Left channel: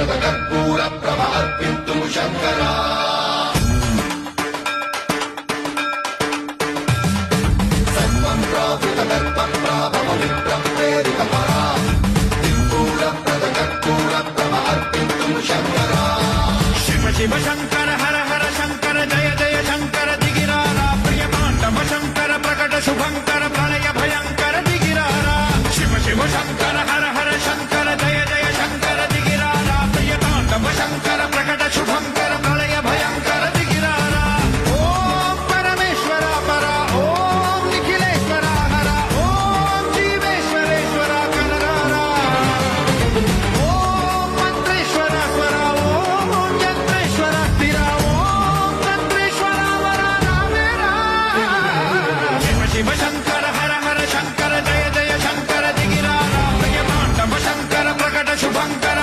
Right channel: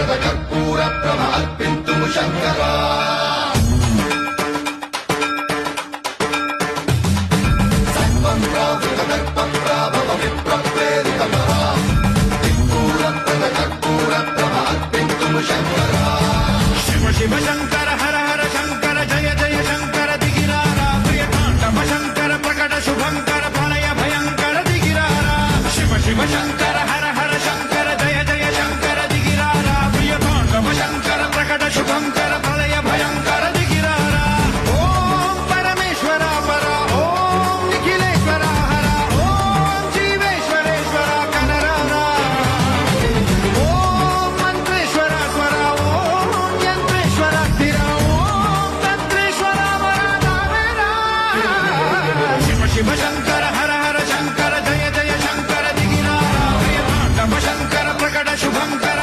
ధూపప్రద కర్పూర ప్రభ అర్పింతుము శంకర సర్వం రావుల దర్ప ప్రాభవ విప్రం ప్రేరిత ధూపప్రద కర్పూర ప్రభ అర్పింతుము శంకర శివ శివ శంకర హర హర శంకర జయ జయ శంకర దిగిరారా ప్రియ తాండవ శంకర ప్రకట శుభంకర ప్రణయ భయంకర దిగిరారా శివ శివ శంకర హర హర శంకర జయ జయ శంకర దిగిరారా ప్రియ తాండవ శంకర ప్రకట శుభంకర ప్రళయ భయంకర దిగిరారా ఓం పరమేశ్వర పర ఓం నిఖిలేశ్వర హర ఓం జీవేశ్వరేశ్వర కనరారా ఓం మంత్రేశ్వర స్వర ఓం యంత్రేశ్వర స్థిర ఓం తంత్రేశ్వర వర నామేరా శివ శివ శంకర హర హర శంకర జయ జయ శంకర దిగిరారా ప్రియ తాండవ శంకర ప్రకట శుభంకర